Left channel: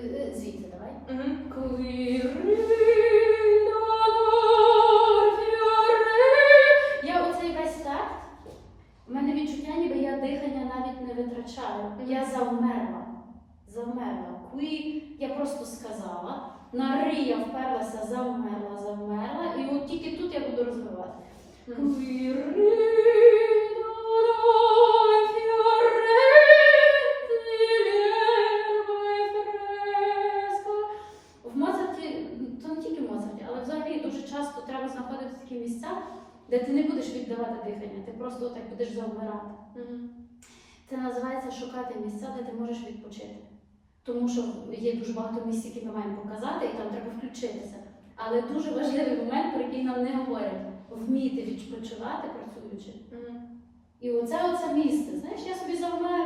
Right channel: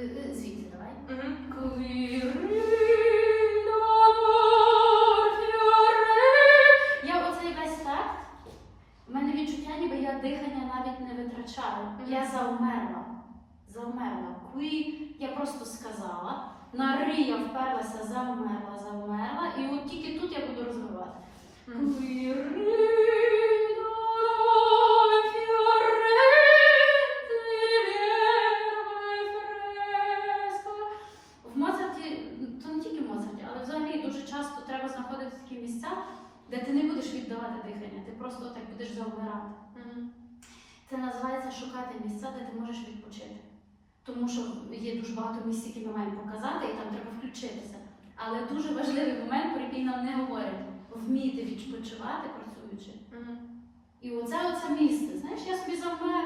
Е, е, Звідти давай. Я оцей весь так. У мене відчуття, ніби я дихання навіть не витрачаю. Я завмерла. Завмерла. Куї я просто сказала. На ри я вперлася, завмерла, завмерла. І от тільки тут я буду розвивати. Де ти не будеш віддавати дихання, ти просто так будеш завмирати. Мгм. Це називається шукати місця, де ти можеш відпочити. Тому що є дуже багато місць, які ми маємо показати, і там треба включитися. Але дуже важливий момент, про який нам не говорять, вміти відпочивати працюючи. Мгм. І оце оце місце. Знаєш, я собі завмерла,